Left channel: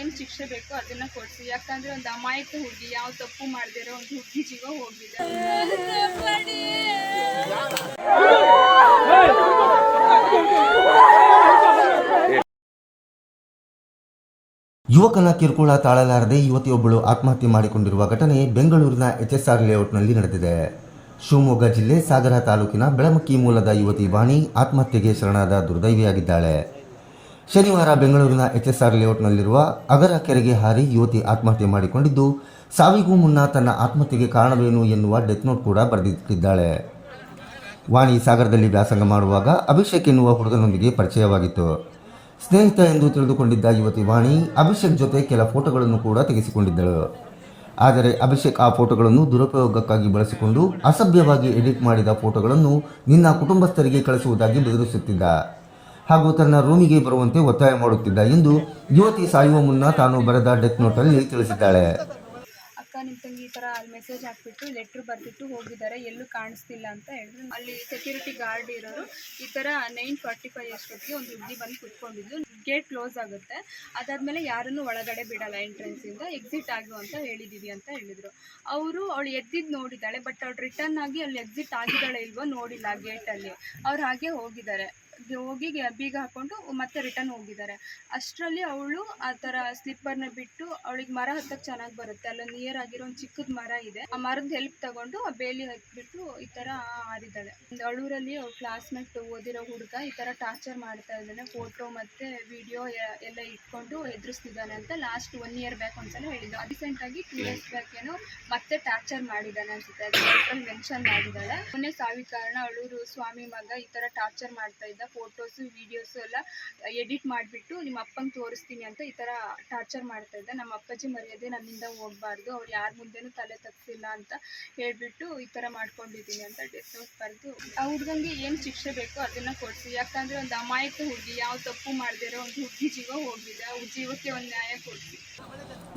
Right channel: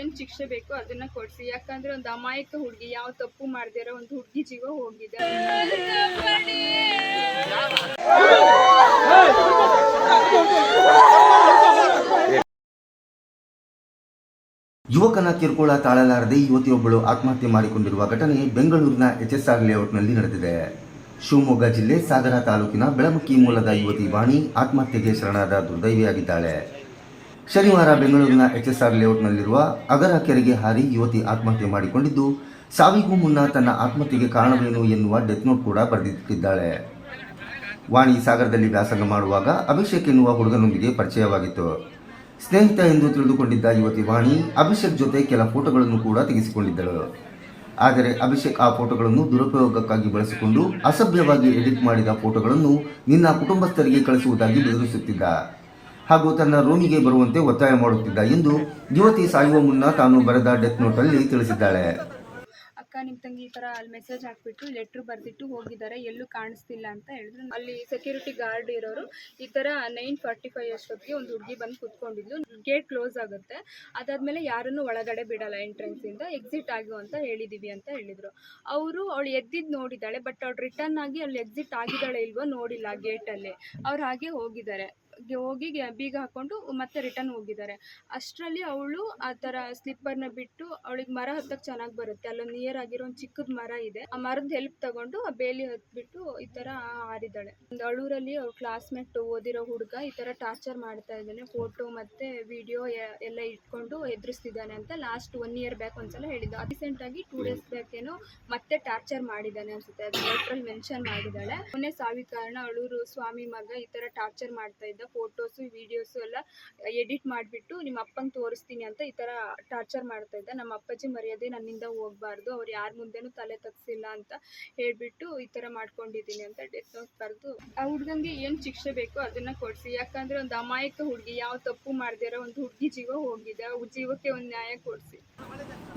ಏನು ಶಿಕ್ಷೆ ಬೇಕೋ ಅದನ್ನ ಕೊಡಿಸಿ. ಯಾಕಂದ್ರೆ ಒಂದು ಅಮಾಯಕ ಹುಡುಗಿ ಯಾವ ತಪ್ಪು ಮಾಡದಿರೋ ಒಂದು ಹುಡುಗಿ ಜೀವ ಹೋಗಿದೆ. ಯುವಕನ ಕಿರುಕುಳ ತಾಳಲಾರದೆ ಯುವತಿಯೊಬ್ಬಳು ಆತ್ಮಹತ್ಯೆ ಮಾಡಿಕೊಂಡಿರುವ ಘಟನೆ ಬೆಂಗಳೂರಿನ HSR ಲೇಔಟ್ನಲ್ಲಿ ನಡೆದಿದೆ. ಶಿವಮೊಗ್ಗ ಜಿಲ್ಲೆ ಸಾಗರ ತಾಲೂಕಿನ ಬೆಳಮುಕ್ಕಿ ಮೂಲದ ಯುವತಿ ವಾಣಿ ಆತ್ಮಹತ್ಯೆಗೆ ಶರಣಾದ ದುರ್ದೈವಿಯಾಗಿದ್ದಾಳೆ. ಶನಿವಾರ ಬೆಂಗಳೂರಿನ HSR ಲೇಔಟ್ನಲ್ಲಿರುವ ಅಗರ ಕೆರೆಗೆ ಹಾರಿ ಯುವತಿ ಆತ್ಮಹತ್ಯೆ ಮಾಡಿಕೊಂಡಿದ್ದು, ಸಾವಿಗೂ ಮುನ್ನ ತನ್ನ ಆತ್ಮಹತ್ಯೆಗೆ ಕಾರಣವೇನು ಎನ್ನುವ ಡೆತ್ ನೋಟ್ ಕೂಡ ಬರೆದಿಟ್ಟಿದ್ದಾಳೆ. ವಾಣಿ ಸಾಗರದಲ್ಲಿ ವ್ಯಾಸಂಗ ಮಾಡುವಾಗ ಅಭಿಷೇಕ್ ಎನ್ನುವ ಹುಡುಗನೊಂದಿಗೆ ಪರಿಚಯವಾಗಿತ್ತು. ಸ್ನೇಹಿತ ಎಂದು ತಿಳಿದುಕೊಂಡಿದ್ದ ಯುವತಿ ವಾಣಿ ಅಭಿಷೇಕ್ ಜೊತೆ ಕೆಲ ಫೋಟೋಗಳನ್ನು ಕೂಡ ತೆಗೆಸಿಕೊಂಡಿದ್ದಳು. ಆದರೆ ಅಭಿಷೇಕ್ ಆ ಫೋಟೋಗಳನ್ನು ದುರುಪಯೋಗಕ್ಕಾಗಿ ಬಳಸಿಕೊಂಡು ಅಸಭ್ಯವಾಗಿ ಎಡಿಟ್ ಮಾಡಿದ ಫೋಟೋಗಳನ್ನು ನಿನ್ನ ಕುಟುಂಬಸ್ಥರಿಗೆ ಕಳಿಸುವುದಾಗಿ ಬೆದರಿಸುತ್ತಿದ್ದ ಹಾಗೂ ತನ್ನ ರೂಮಿಗೆ ಬರುವಂತೆ ಒತ್ತಾಯ ಮಾಡುತ್ತಿದ್ದ ಎಂದು ಯುವತಿ ಸಾಯುವ ಮುನ್ನ ತಾನು ಬರೆದ ಡೆತ್ ನೋಟಲ್ಲಿ ತಿಳಿಸಿದ್ದಾಳೆ. ಅಕ್ಕ ನಿಮ್ಮ ತಂಗಿ ಈ ಥರ ಅಲ್ಲಿ ಮೆಸೇಜ್ ಹಾಕ್ಬಿಟ್ಟು ಲೆಟ್ರ್ ಬರೆದಿಟ್ಟು ಹೋಗಿದ್ದಾರೆ, ಎಲ್ಲೂ ಕಾಣಿಸ್ತಿಲ್ಲ ಅಂತ ಹೇಳಿದ್ರು. ಅಲ್ಲಿ ಸೆಕ್ಯೂರಿಟಿ ಗಾರ್ಡ್ ಇರೋರು ಈ ಥರ 9:45 ಅಷ್ಟೊತ್ತಿಗೆ ಒಂದು ಹುಡುಗಿ ಬಂದು ಕೂತ್ಕೊಂಡಿದ್ಲು. ಗೇಟ್ ಕ್ಲೋಸ್ ಆಗುತ್ತೆ, ಅದಾದಮೇಲೆ ಯಾರನ್ನು ಒಳಗಡೆ ಬಿಡಲ್ಲ, ಎಂಟ್ರೆನ್ಸಿಂದ ಎಕ್ಸಿಟ್ ಆಗು ಅಂತ ಹೇಳಿದ್ದೀವಿ ಅಂತ ಹೇಳಿದರು. ಅವಳು ಎದ್ದಿದ್ದು ನೋಡಿದ್ದಾಳೆ, ಬಟ್ ಅವಳು ರಿಟರ್ನ್ ಆಗಿ ಅಲ್ಲಿ ಎಕ್ಸಿಟ್ ಆಗಿದ್ದಾಳೆ ಇಲ್ವೋ ನೋಡಿಲ್ಲ ಗೇಟಲ್ಲಿ. ಅವ್ರು ಹಾಗೆ ಹೋಗಿದ್ದಾರೆ, ಹೋಗಿ ಬೀಗ ಹಾಕ್ಕೊಂಡು ಮತ್ತೆ ರಿಟರ್ನ್ ಹೋಗಿದ್ದಾರೆ. ಅಷ್ಟರಲ್ಲಿ ಅವಳು ಆ ಥರ ಸ್ಲಿಪ್ಪರ್ನ ಬಿಟ್ಟು, ಅವಳಿಗೆ ಮರ ಹತ್ತಕ್ಕೆ ಚೆನ್ನಾಗಿ ಬರುತ್ತೆ, ಅಲ್ಲೊಂದು ನಿಯರ್ ಆಗಿರೋ ಒಂದು ಚಿಕ್ಕದ ಮರ ಇದೆ, ಆ ಮರದ ಹೆಲ್ಪ್ ತಗೊಂಡು ಆ ಬೇಲಿ ಹತ್ಬಿಟ್ಟು ಈ ಥರ ಹಾರಿದ್ದಾಳೆ. ಒಂದು ಅಳೂರಲ್ಲಿ ಅವ್ರ ಕ್ಲಾಸ್ಮೇಟ್ ಓದಿರೋ ಹುಡುಗ ಈ ಥರ ಟಾರ್ಚರ್ ಮಾಡ್ತಾ ಇದ್ದಾನೆ, ಫೋಟೋ ಮತ್ತು ವಿಡಿಯೋ ಎಲ್ಲ ಇಟ್ಕೊಂಡು ಎದುರಿಸ್ತಿದ್ದಾನೆ ಅಂತ ಲಾಸ್ಟ್ 1 year ಬ್ಯಾಕ್ ಒಂದ್ಸಲ ಹೇಳಿದ್ದ. ರೀಸೆಂಟಾಗಿ 2 days ಬ್ಯಾಕ್ ಏನೋ ಮತ್ತೆ ಟಾರ್ಚರ್ ಮಾಡಿದ್ದಾನೆ ಅನ್ಸುತ್ತೆ, ಅದು ಲೆಟ್ರಲ್ಲಿ ಮೆನ್ಷನ್ ಮಾಡಿದ್ದಾಳೆ. ಮೊನ್ನೆ ಸಾವಿನ ಕಾರಣ ಅಳೂರು ಸ್ವಾಮಿ ಮಗ ಈ ಥರ ಟಾರ್ಚರ್ ಮಾಡ್ತಾ ಇದ್ದ, ಫೋಟೋಸು ವಿಡಿಯೋಸು ಎಲ್ಲ ಎಡಿಟ್ ಮಾಡಿಬಿಟ್ಟು ನಿಮ್ಮ ಅಪ್ಪಂಗೆ ತೋರಿಸ್ತೀನಿ ಅಂತ ಈ ಥರ ಟಾರ್ಚರ್ ಮಾಡ್ತಾ ಇದ್ದ. ನಮ್ಮ ಅಪ್ಪಾಜಿ ಮರ್ಯಾದೆ ನನ್ನಿಂದ ಹೋಗಬಾರ್ದು, ಅವ್ರು ಯಾರ ಮುಂದೆನೂ ತಲೆ ತಗ್ಸಿಲ್ಲ ಅಂತ ಹೇಳಿಬಿಟ್ಟು ಈ ಥರ ಮಾಡ್ಕೊಂಡಿದ್ದೀನಿ ಅಂತ ಡೆತ್ ನೋಟ್ ಬರೆದು ಆ ಹುಡುಗಂಗೆ ಏನು ಶಿಕ್ಷೆ ಬೇಕೋ ಅದನ್ನು ಕೊಡಿಸಿ. ಯಾಕಂದರೆ ಒಂದು ಅಮಾಯಕ ಹುಡುಗಿ ಯಾವ ತಪ್ಪು ಮಾಡದಿರೋ ಒಂದು ಹುಡುಗಿ ಜೀವ ಹೋಗಿದೆ, ಆ ಜೀವಕ್ಕೆ ಒಂದು ನ್ಯಾಯ ಕೊಡಿಸಿ.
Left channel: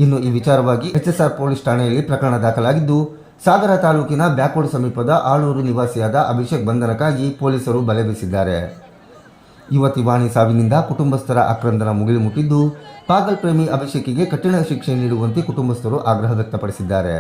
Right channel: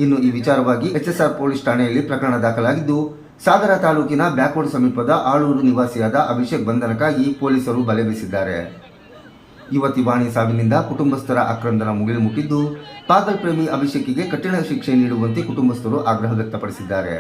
ಇನ್ನು ಈ ವಿಚಾರವಾಗಿ HSR ಪೊಲೀಸ್ ಠಾಣೆಯಲ್ಲಿ ಪ್ರಕರಣ ದಾಖಲಾಗಿದ್ದು, ಸಾಗರ ತಾಲೂಕಿನ ಬ್ಯಾಕ್ವರ್ಡ್ ಸಮೀಪದ ಆಳೂರು ನಿವಾಸಿಯಾದ ಅಭಿಷೇಕ್ ಬಂಧನಕ್ಕಾಗಿ ಪೊಲೀಸರು ಬಲೆ ಬೀಸಿದ್ದಾರೆ. ಯುವತಿ ವಾಣಿ ಸಾವಿನಿಂದ ಕುಟುಂಬಸ್ಥರ ಆಕ್ರಂದನ ಮುಗಿಲು ಮುಟ್ಟಿದ್ದು, ಪಾಗಲ್ ಪ್ರೇಮಿ ಅಭಿಷೇಕಿಗೆ ಕಠಿಣ ಶಿಕ್ಷೆ ನೀಡುವಂತೆ ಕುಟುಂಬಸ್ಥರು ಆಗ್ರಹ ವ್ಯಕ್ತಪಡಿಸಿದ್ದಾರೆ.